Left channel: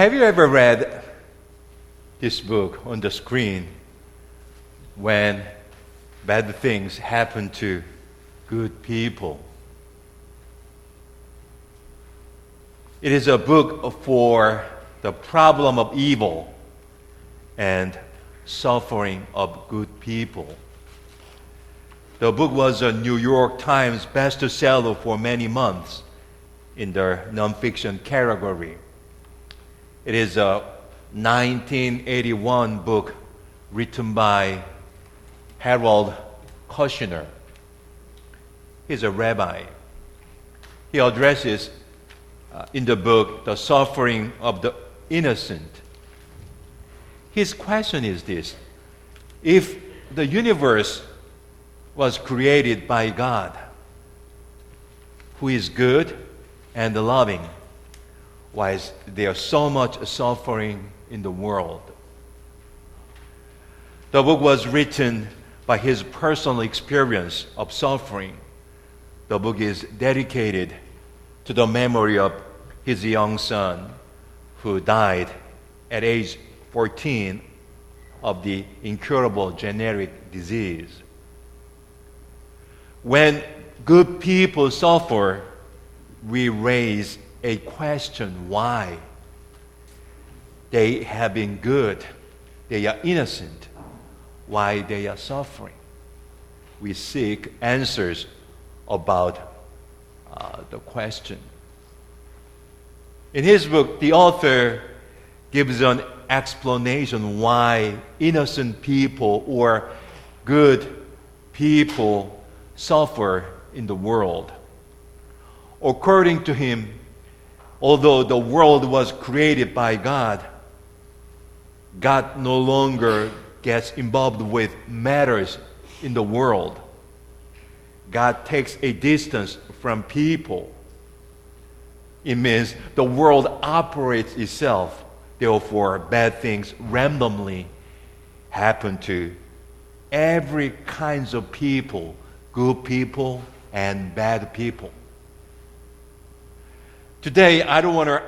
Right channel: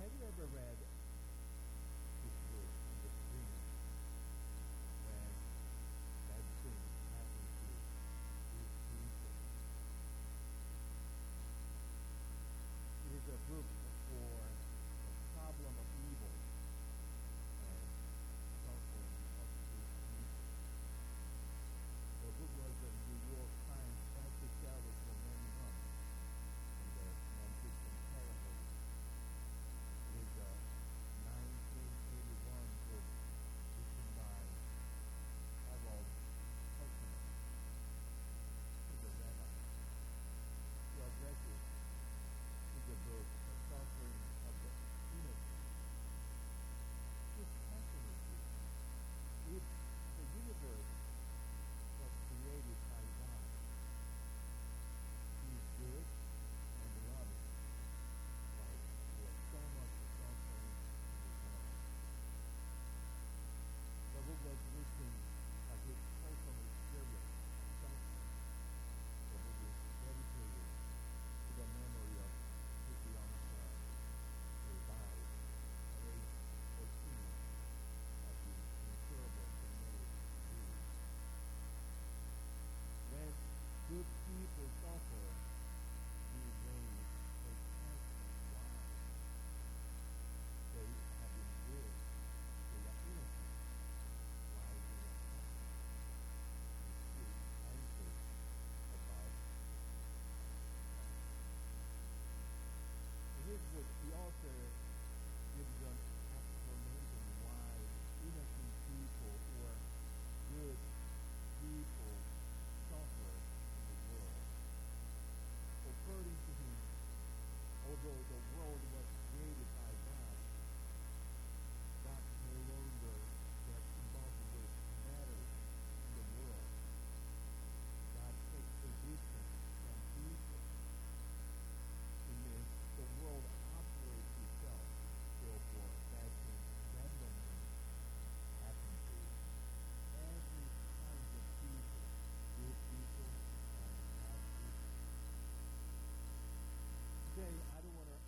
Have you ever read this book on the screen when bad things happen to good people? It is a book for the problem of evil and suffering of good people. The book was a New York Times bestseller for many months in the nonfiction category. It is a 1981 book written by Harold Kushner. He's a rabbi. He addresses in the book the suffering of the innocent. His question is this: if the universe was created by God, who is good and loving, why is there so much suffering in the world? The book was written by his personal experience of suffering. The book is dedicated to the memory of his young son who died at age 14 of the incurable genetic disease. When good people suffer, we raise a question: why? They have been good, they are innocent, why they are suffering? We seek answers about the question. In his book, the author gives an explanation why innocent people or good people suffer in the world. According to him, although the world was created by God, God no longer gets involved with matters in the world. God takes a distance from people. It means the world operates itself. Therefore, bad things randomly happen to every kinds of people, good people and bad people. Today, I don't want to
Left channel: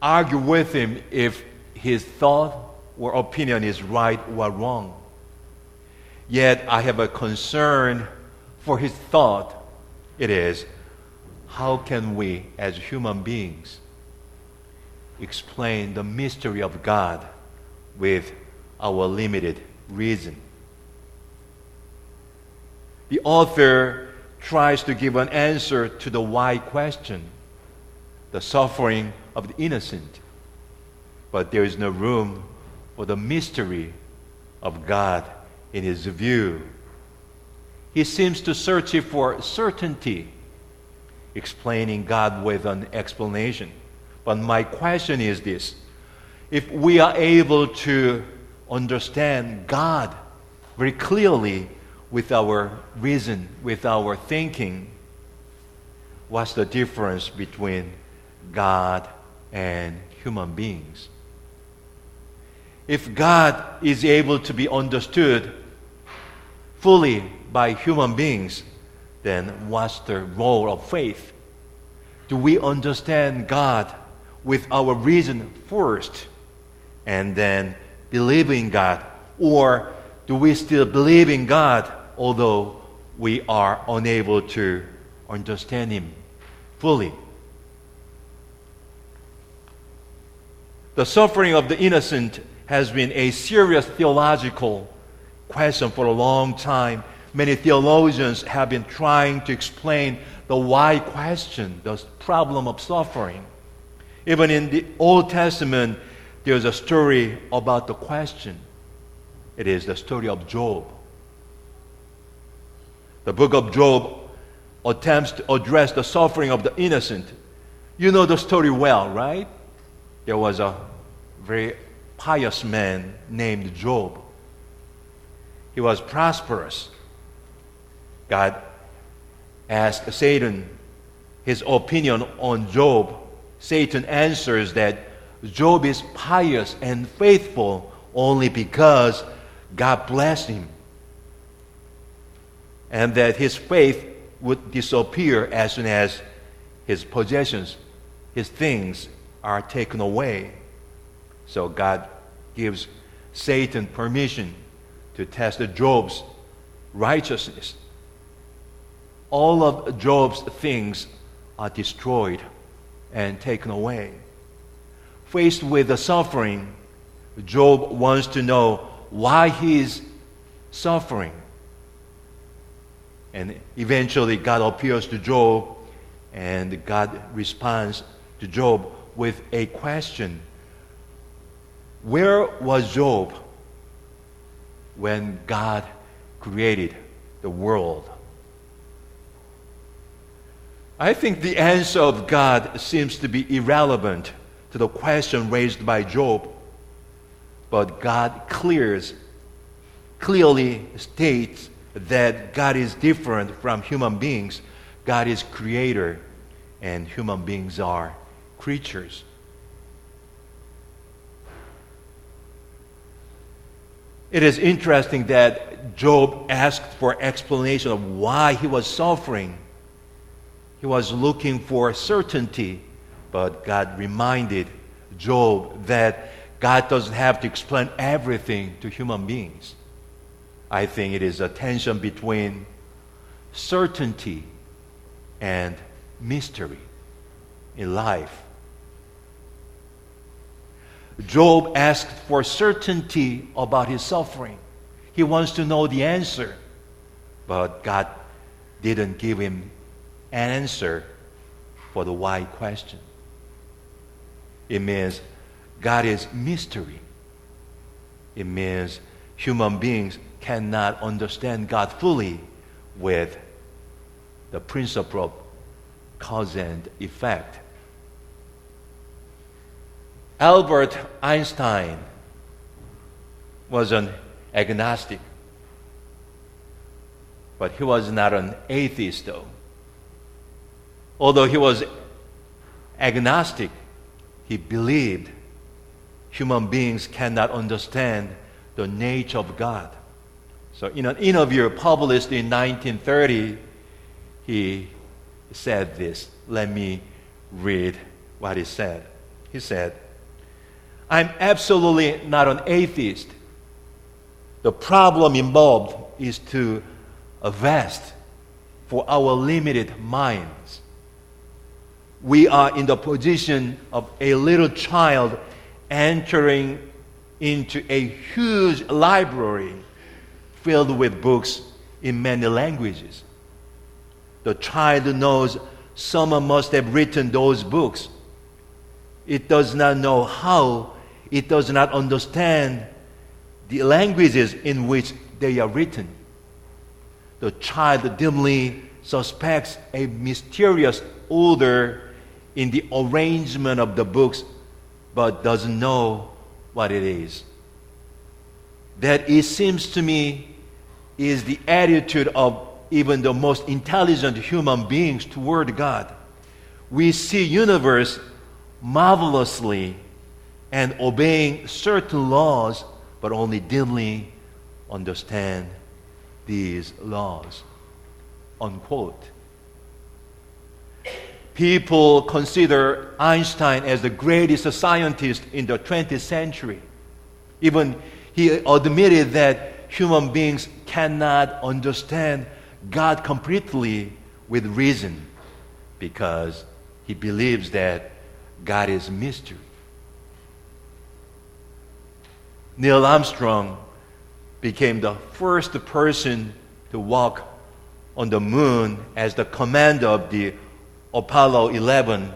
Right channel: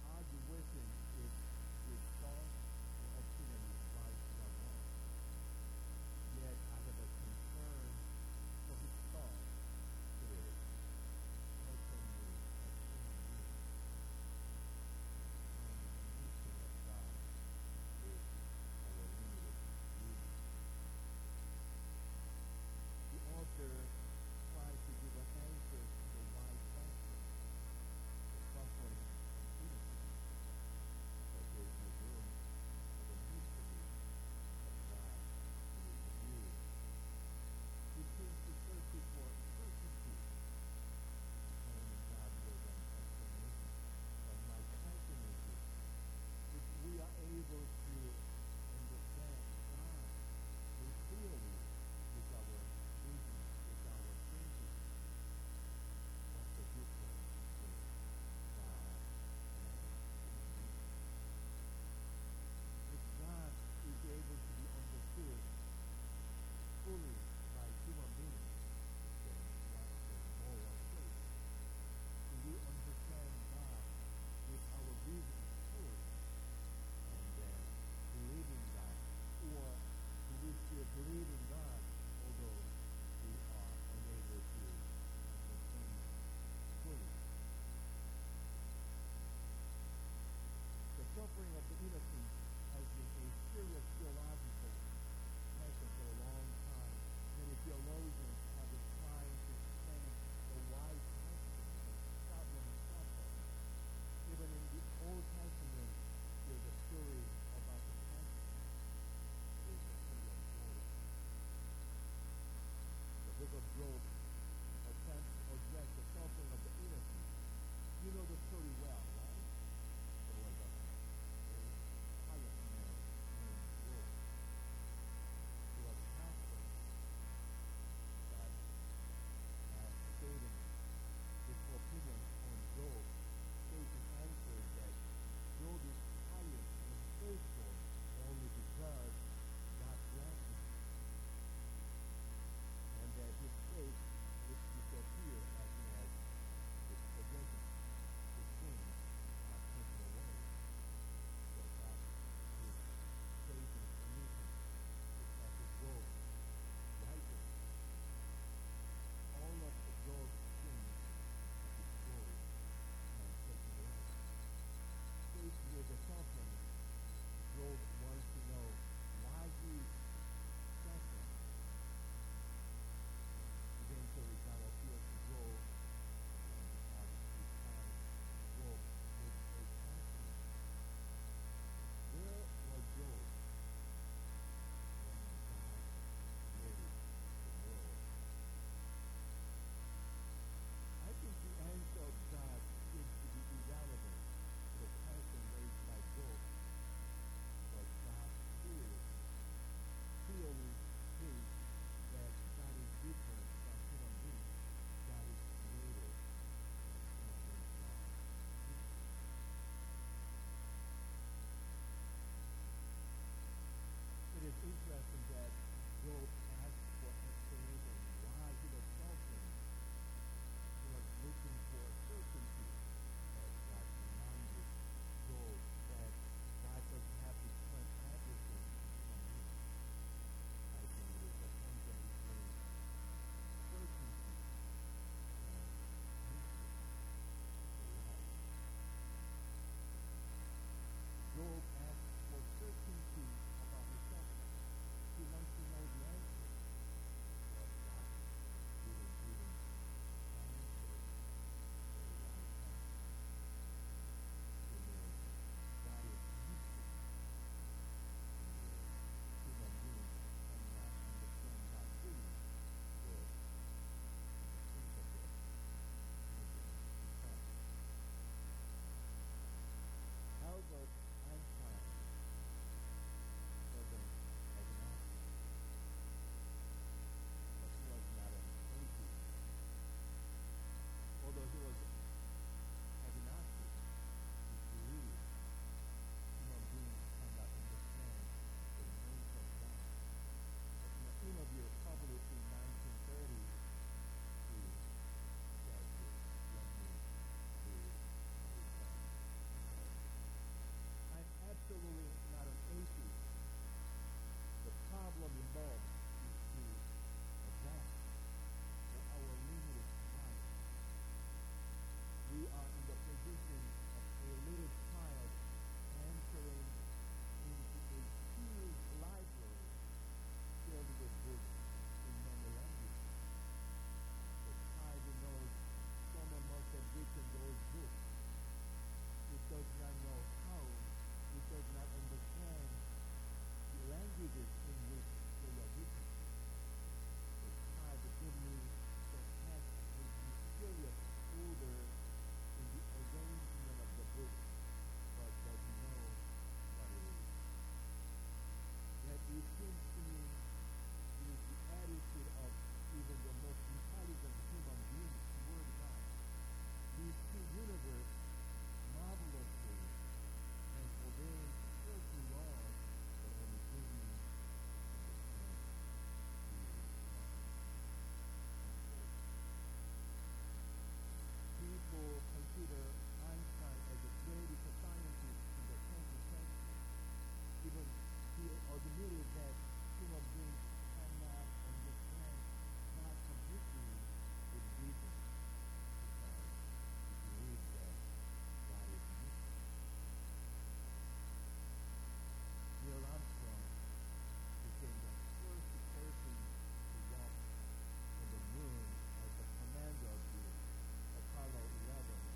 argue with him if his thought or opinion is right or wrong. Yet, I have a concern for his thought. It is, how can we, as human beings, explain the mystery of God with our limited reason? The author tries to give an answer to the why question, the suffering of the innocent, but there is no room for the mystery of God in his view. He seems to search for certainty, explaining God with an explanation. But my question is this: if we are able to understand God very clearly with our reason, with our thinking, what's the difference between God and human beings? If God is able to be understood fully by human beings, then what's the role of faith? Do we understand God with our reason first and then believe in God? Or do we still believe in God although we are unable to understand Him fully? The suffering of the innocent has been a serious theological question for a long time. Many theologians have been trying to explain the why question, the problem of suffering. Even in the Old Testament, there's a story about the question. It is the story of Job. The book of Job attempts to address the suffering of the innocent. You know the story well, right? There was a very pious man named Job. He was prosperous. God asked Satan his opinion on Job. Satan answers that Job is pious and faithful only because God blessed him, and that his faith would disappear as soon as his possessions, his things are taken away. So God gives Satan permission to test Job's righteousness. All of Job's things are destroyed and taken away. Faced with the suffering, Job wants to know why he is suffering. And eventually God appears to Job, and God responds to Job with a question. Where was Job when God created the world? I think the answer of God seems to be irrelevant to the question raised by Job, but God clearly states that God is different from human beings. God is creator, and human beings are creatures. It is interesting that Job asked for explanation of why he was suffering. He was looking for certainty, but God reminded Job that God doesn't have to explain everything to human beings. I think it is a tension between certainty and mystery in life. Job asked for certainty about his suffering. He wants to know the answer, but God didn't give him an answer for the why question. It means God is mystery. It means human beings cannot understand God fully with the principle of cause and effect. Albert Einstein was an agnostic, but he was not an atheist though. Although he was agnostic, he believed human beings cannot understand the nature of God. So in an interview published in 1930, he said this. Let me read what he said. He said, "I'm absolutely not an atheist. The problem involved is too vast for our limited minds. We are in the position of a little child entering into a huge library filled with books in many languages. The child knows someone must have written those books. It does not know how. It does not understand the languages in which they are written. The child dimly suspects a mysterious order in the arrangement of the books, but doesn't know what it is. That, it seems to me, is the attitude of even the most intelligent human beings toward God. We see universe marvelously and obeying certain laws, but only dimly understand these laws." Unquote. People consider Einstein as the greatest scientist in the 20th century. Even he admitted that human beings cannot understand God completely with reason because he believes that God is mystery. Neil Armstrong became the first person to walk on the moon as the commander of the Apollo 11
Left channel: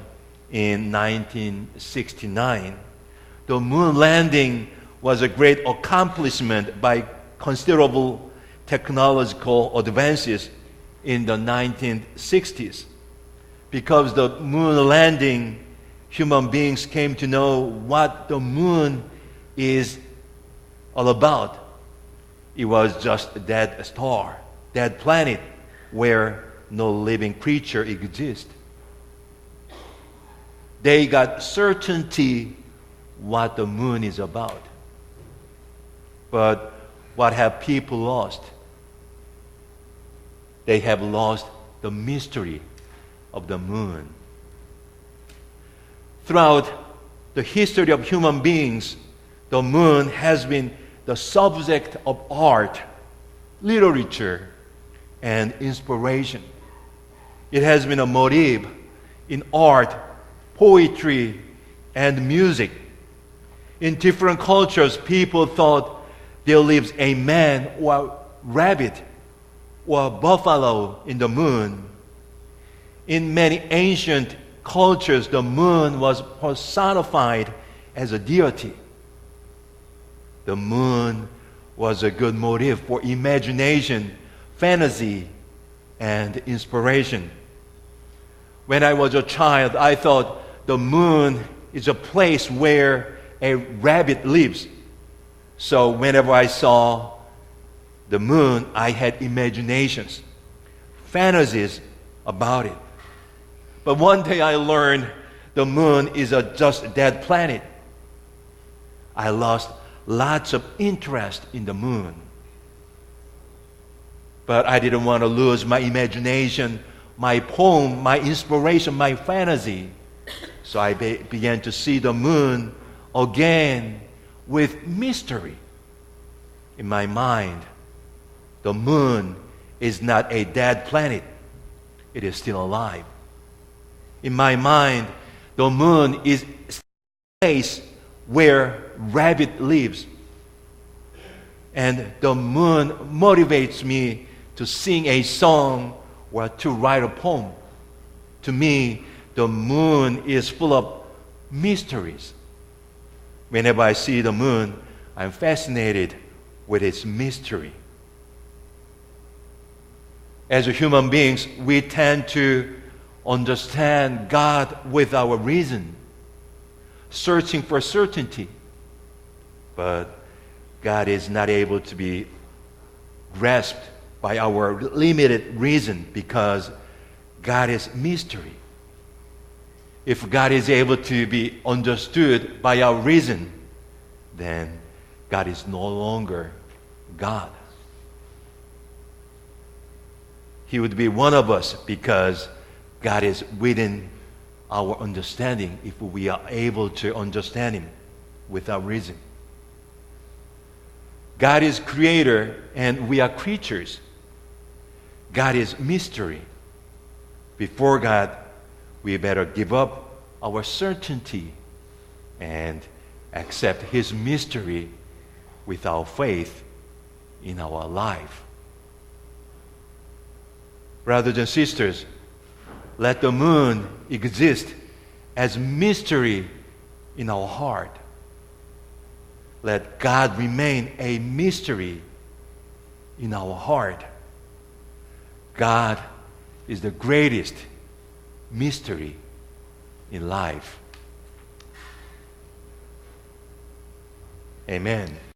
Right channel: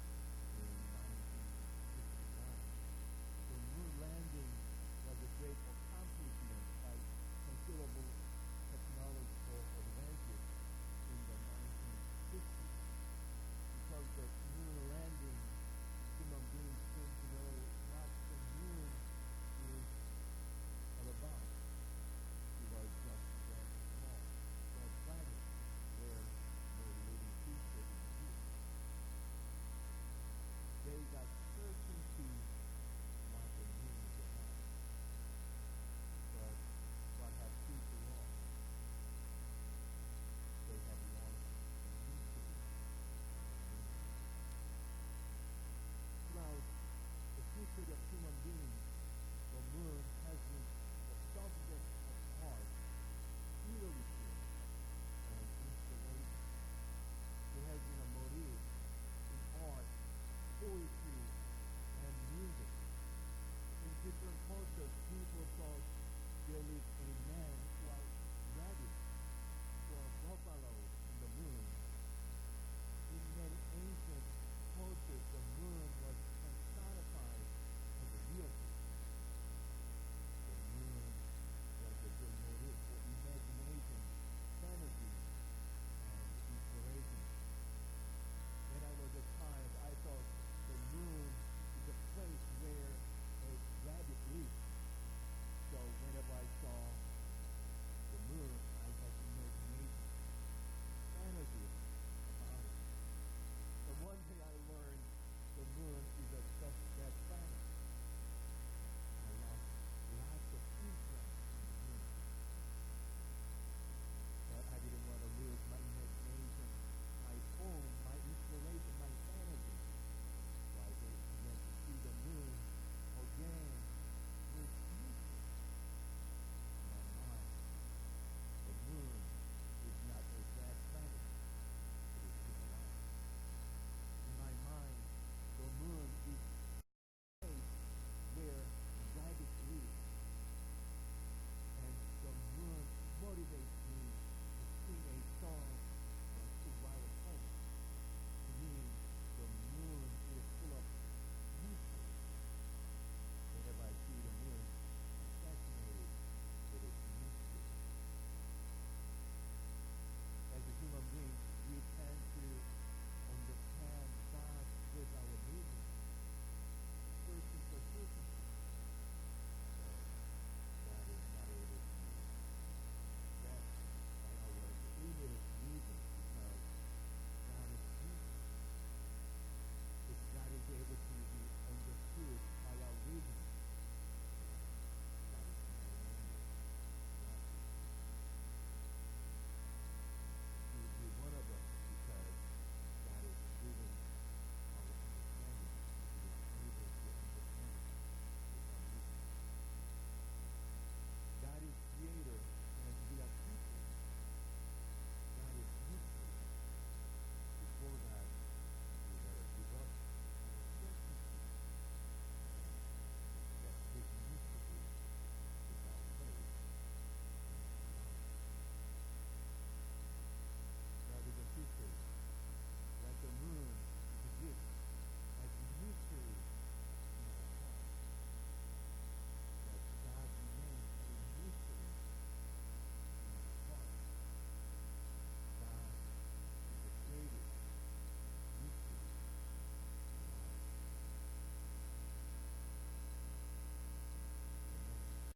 in 1969. The moon landing was a great accomplishment by considerable technological advances in the 1960s. Because the moon landing, human beings came to know what the moon is all about. It was just that star, that planet where no living creature exists. They got certainty what the moon is about. But what have people lost? They have lost the mystery of the moon. Throughout the history of human beings, the moon has been the subject of art, literature, and inspiration. It has been a motif in art, poetry, and music. In different cultures, people thought there lives a man or a rabbit or a buffalo in the moon. In many ancient cultures, the moon was personified as a deity. The moon was a good motive for imagination, fantasy, and inspiration. When I was a child, I thought the moon is a place where a rabbit lives. So whenever I saw the moon, I had imaginations, fantasies about it. But one day I learned the moon is just a dead planet. I lost lots of interest in the moon. But I didn't want to lose my imagination, my poem, my inspiration, my fantasy. So I began to see the moon again with mystery. In my mind, the moon is not a dead planet. It is still alive. In my mind, the moon is a place where rabbit lives. And the moon motivates me to sing a song or to write a poem. To me, the moon is full of mysteries. Whenever I see the moon, I'm fascinated with its mystery. As human beings, we tend to understand God with our reason, searching for certainty. But God is not able to be grasped by our limited reason because God is mystery. If God is able to be understood by our reason, then God is no longer God. He would be one of us because God is within our understanding if we are able to understand Him without reason. God is creator and we are creatures. God is mystery. Before God, we better give up our certainty and accept His mystery with our faith in our life. Brothers and sisters, let the moon exist as mystery in our heart. Let God remain a mystery in our heart. God is the greatest mystery in life. Amen.